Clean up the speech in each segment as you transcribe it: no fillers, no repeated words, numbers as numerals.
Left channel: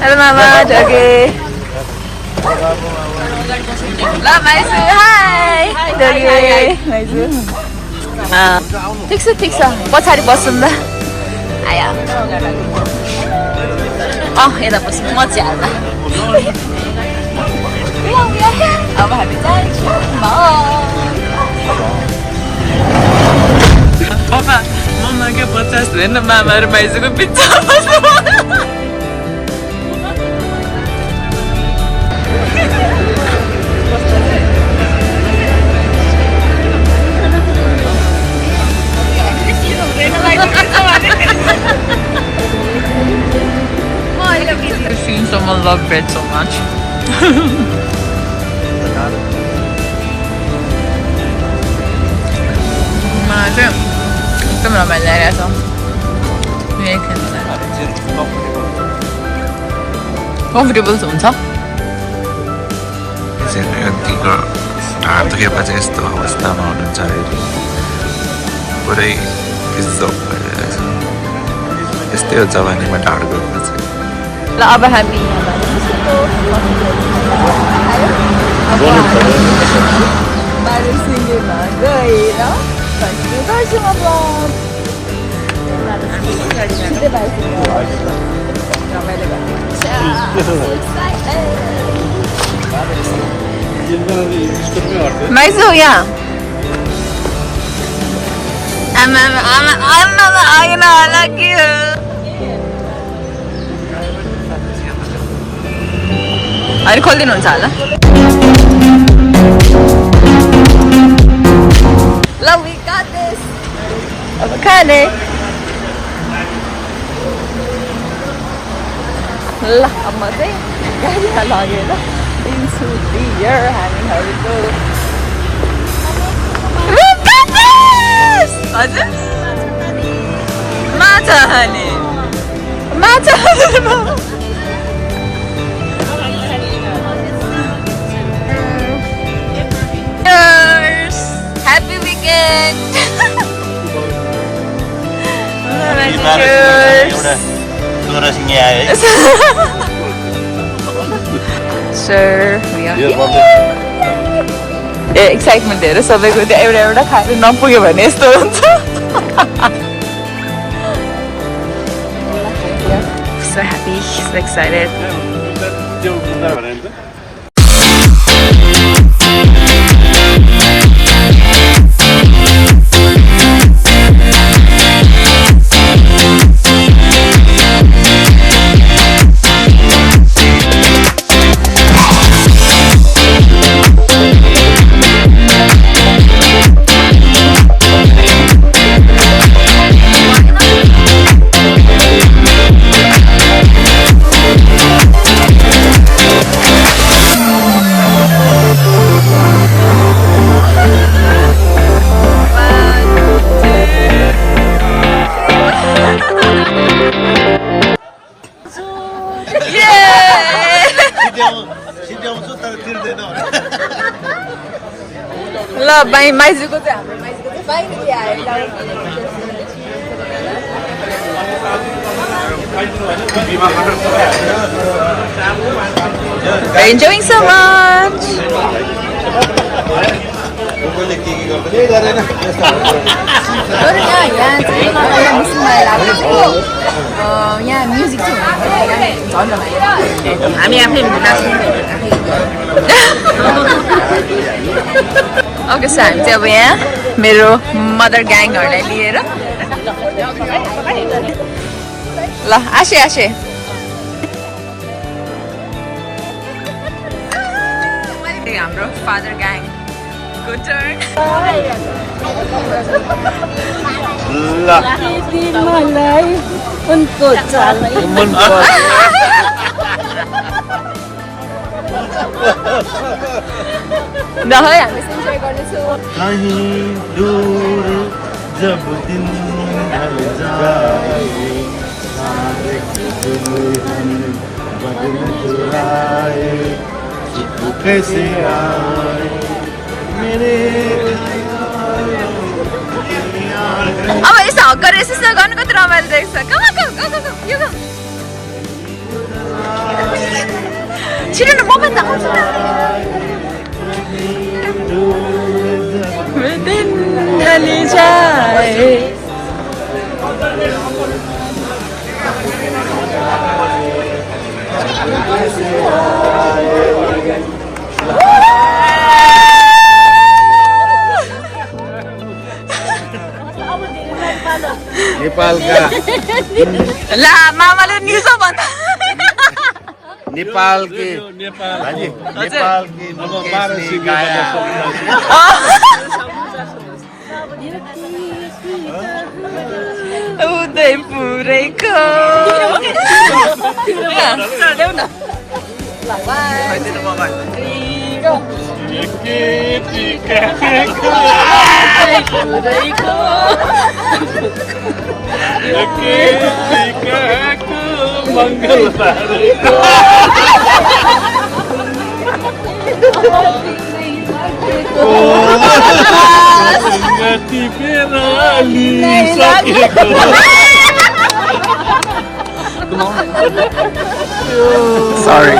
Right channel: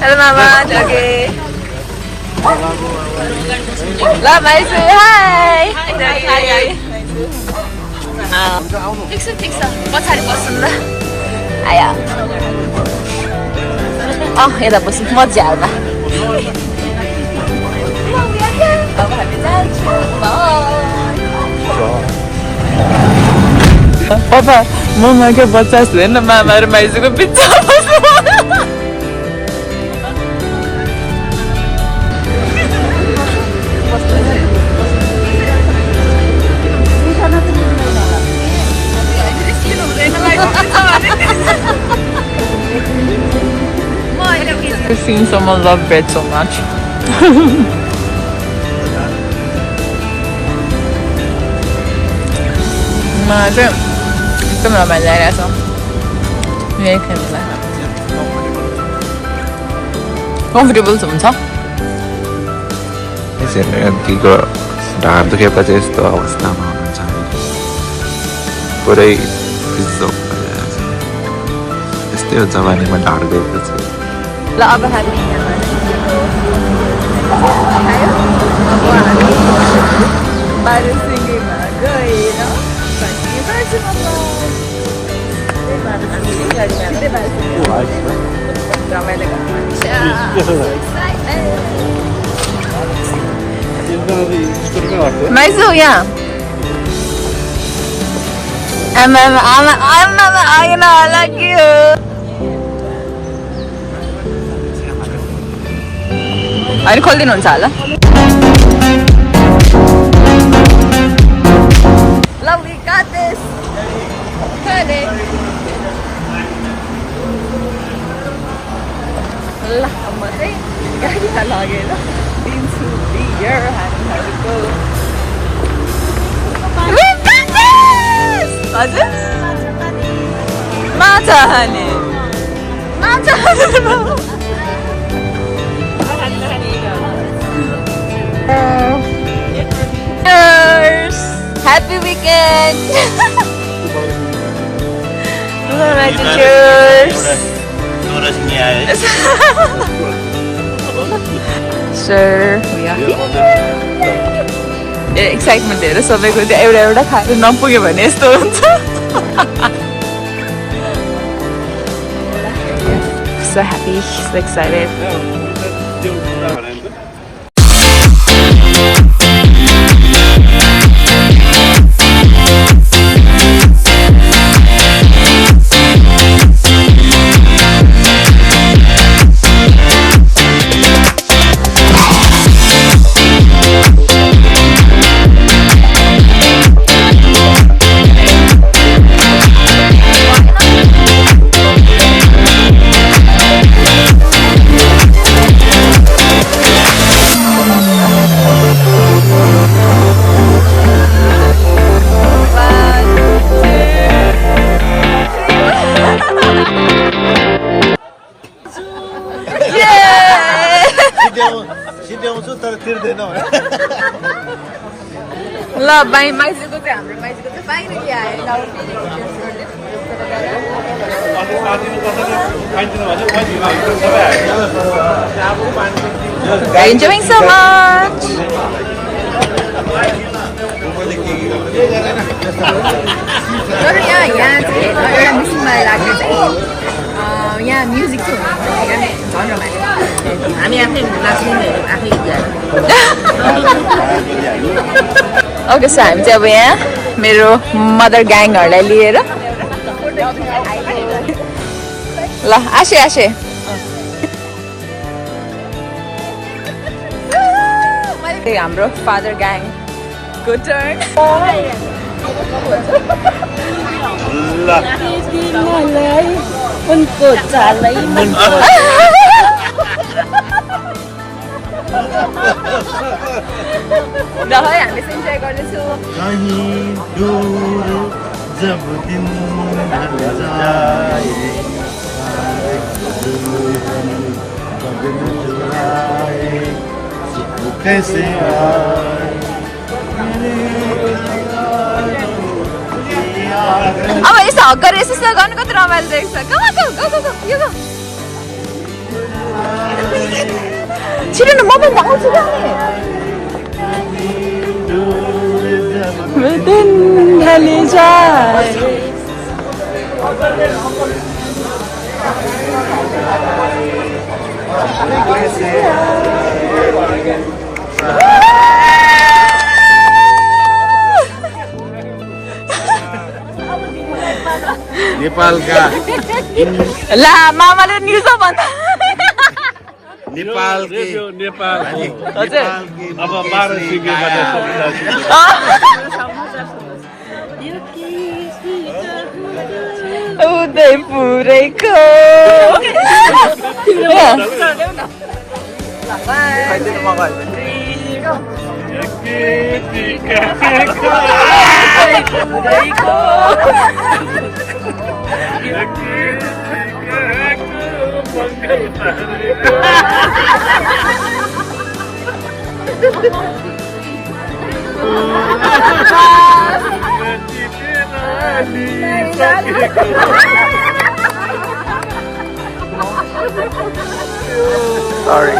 Hello, Mama. Okay. Love, Maisu. Hi. Hi. Maisu. ठिक छ पछाडि बस्छौँ ल आया यता बस्छौँ मजा हाल्दा अब हामी जान्छौँ पापा ममा के 50 हेर्न मामा र माइजूको बिचमा I've seen someone love bread so much. मलाई चाहिँ एकदम रमाइलो लागिरहेछ यही खेल्नुलाई कम्फर्टेबल हुन्छ यतिको ढाड दुखेपछि यस्तो अवस्थामा हुनुहुन्छ अरे पुरै बिजोक भइरहेछ यस्तै हो जवानीमा ढाड गएपछि ल अब हामी यहाँबाट अब हामी बारुसिङ्गेमा गएर कन्टिन्यू गर्छौँ ब्लग छिट्टै बारुसिङ्गे रमाइलो गर्नुहुन्छ माइजू यहाँ आमा आएन होला के हो अहिले खोलिदिनुहुन्छ होला ल we got this अब खाने ल अब म चाहिँ गाडीमा लगेर दिन्छु बियर हामीहरूको we got this हजुर माछा खाने Happy weekend! Cheers! Sir, we are here! Excitement हेर सबैको त्यो एउटा खाएर नपुग्यो भने यस्तो हुन्छ So happy, so excited. ल माइजूको चाहिँ हाम्रो माइजूको चाहिँ फाइनली आयो We're enjoying so much. तर यहाँ चाहिँ एउटा मिसिङ मलाई लाग्यो चाहिँ यहाँ म्युजिक चाहिँ हुनु पर्ने क्या झन् रमाइलो हामी आफै नाच्ने आफै ओके सो हामी चाहिँ अब यहाँ मेरो मदर ग्याङहरूलाई लिएर ल आशे हाम्रो फादर ग्याङ को टर्न उनको चालै न है हामी इन्जोय गर्दैछौँ कहीं दूर जब दिन ढल जाए सारे दुल्हन बदल जो आए वो कैसे आए अब यसो हक गरेर यसो गर्नु कति रमाइलो देख्छ यो ग छिटो न म पनि त आउँछु त दिन ढले जाए नेपाल का ला मामाले न्युज भन्दा नेपाल के नेपाल हजुर अब 12 सिकाया उदयपुरैको Sorry.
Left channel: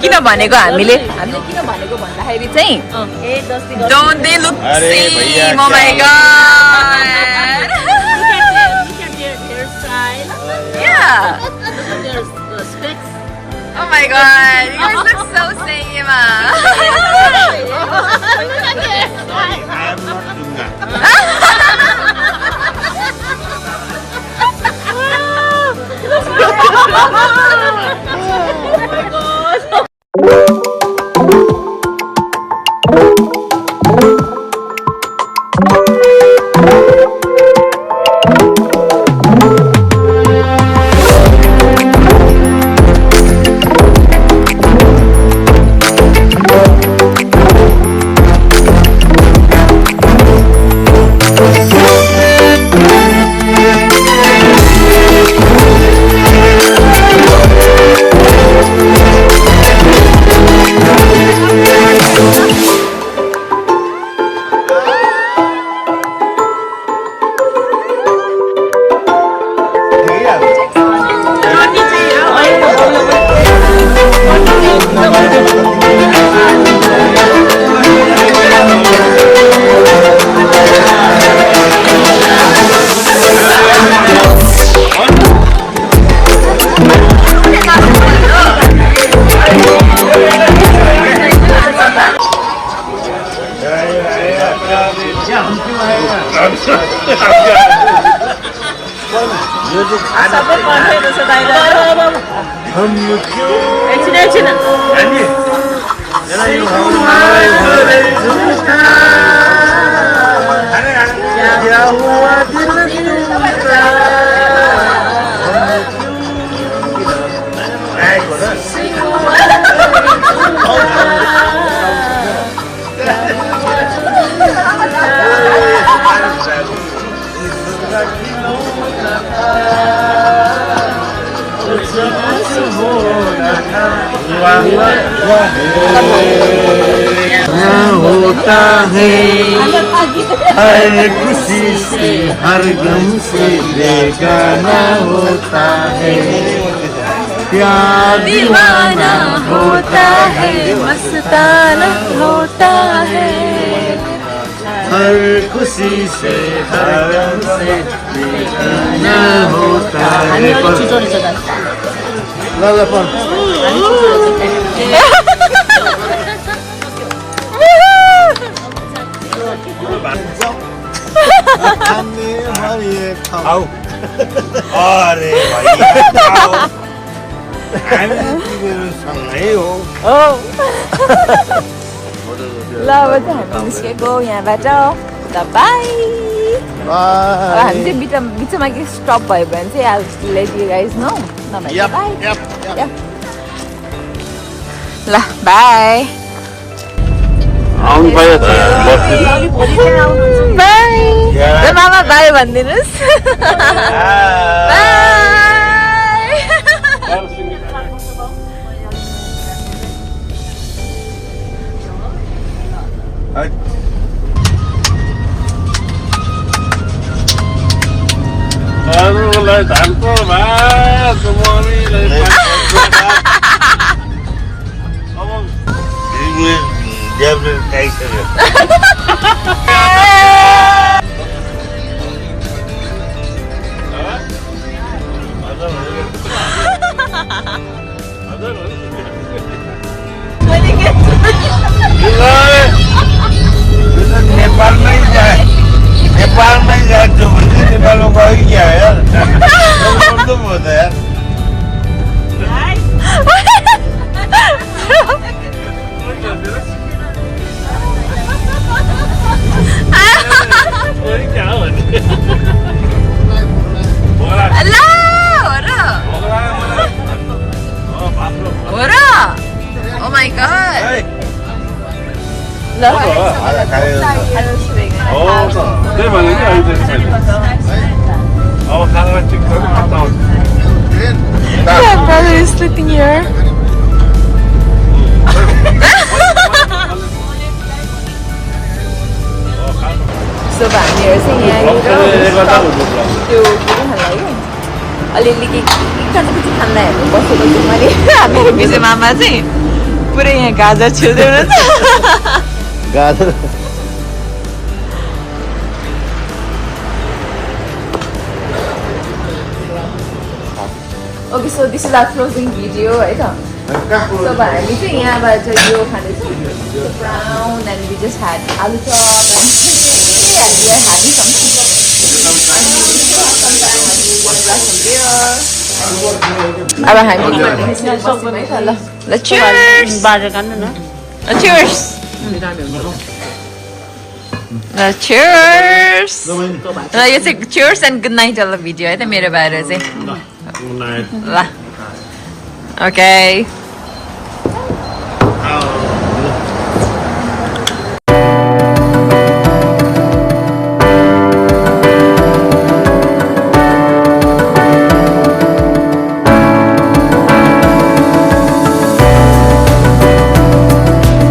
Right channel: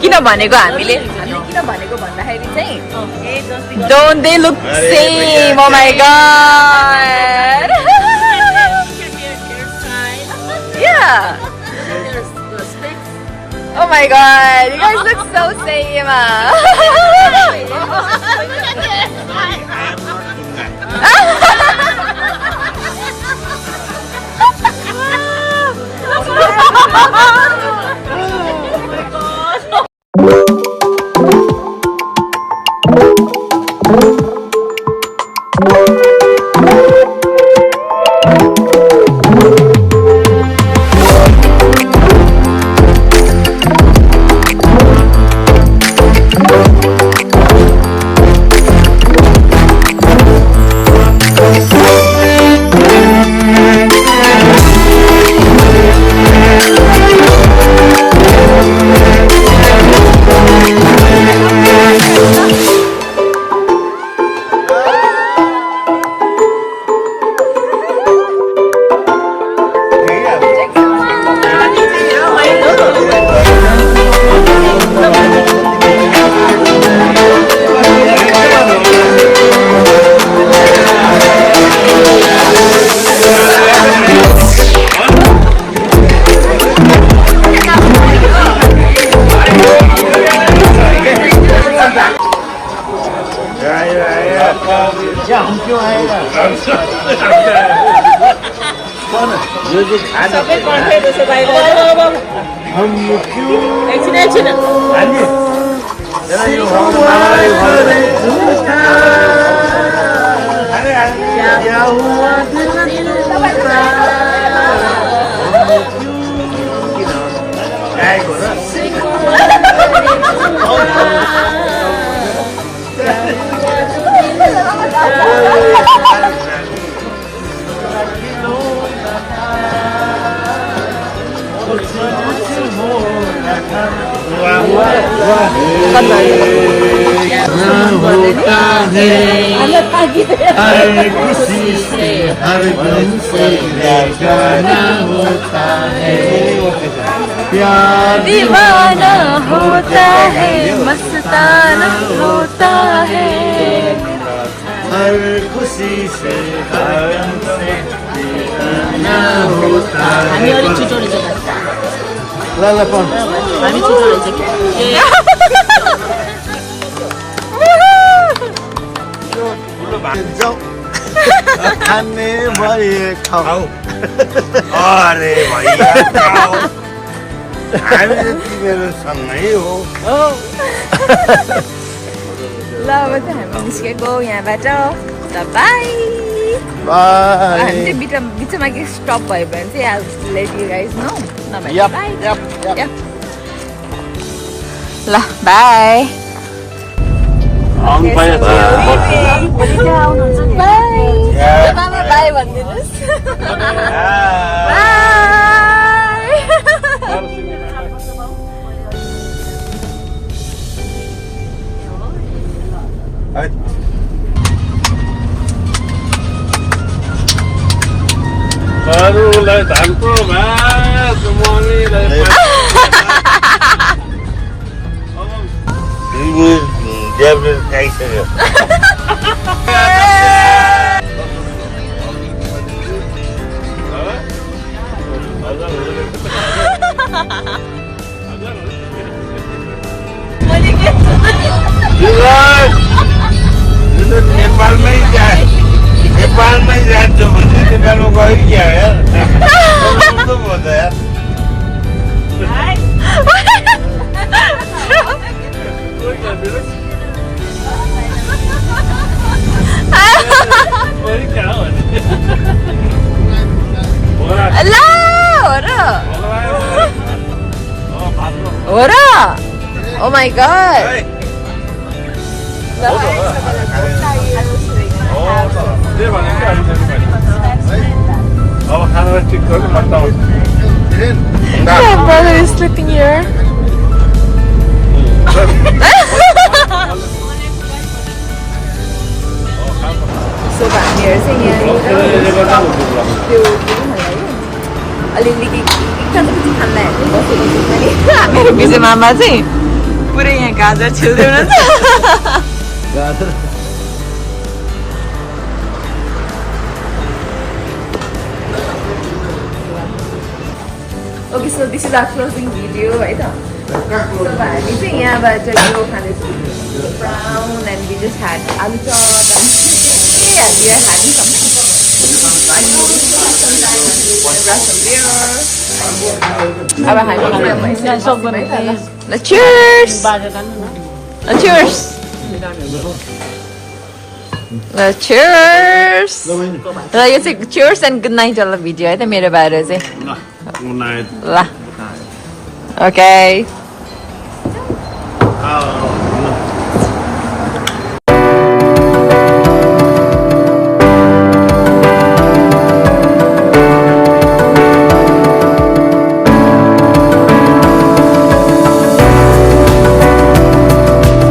किन भनेको हामीले किन भनेको भन्दाखेरि चाहिँ don't they look same oh my god yeah Oh my god, you guys look so same. होता है हर खुशी से हर गम से बेगाना होता है प्यार दीवाना होता है मस्ताना होता है हर खुशी से हर गम से बेगाना होता है अरे भैया हामी तिमीहरू सँगै हो ल अब चाहिँ हामी निस्केको यहाँबाट त बाई अब हामी चाहिँ बिचमा के स्टप भयो भने चाहिँ I will let you guys know नभए बाई ल बाई आउनु पर्यो बाई मामा बाई भनिदिनुहोस् बाई अरूलाई धानको भात मनीलाई नेपालमै जान्छ भने नेपालमा गयो क्या यार भयो त यार हो र ओ माई गॉड त्यही भनेको अब खाना ठिक गर्नु बताउँछु My brother is sleeping here. So हामीहरू चाहिँ यहाँनिर त्यो के खानलाई अलिअलि के कति खानलाई हामी बसेको छौँ अनि मेरो विजय मामा चाहिँ पुरै यहाँ गाजर छिल्दै हुनुहुन्छ गाजर Okay, so this is our closing video, right? So हामी चाहिँ यहाँबाट यो खाँदैछौँ brown and we just had aloo chop and yeah, we are having something. And we still have some time and we want to grab some beer. अब हामी यहाँ यसरी बस्यौँ है त ल ल cheers! ल cheers! ल cheers! ल यो चाहिँ cheers and good night वाला भिडियो है त मेरो बारे चाहिँ ल okay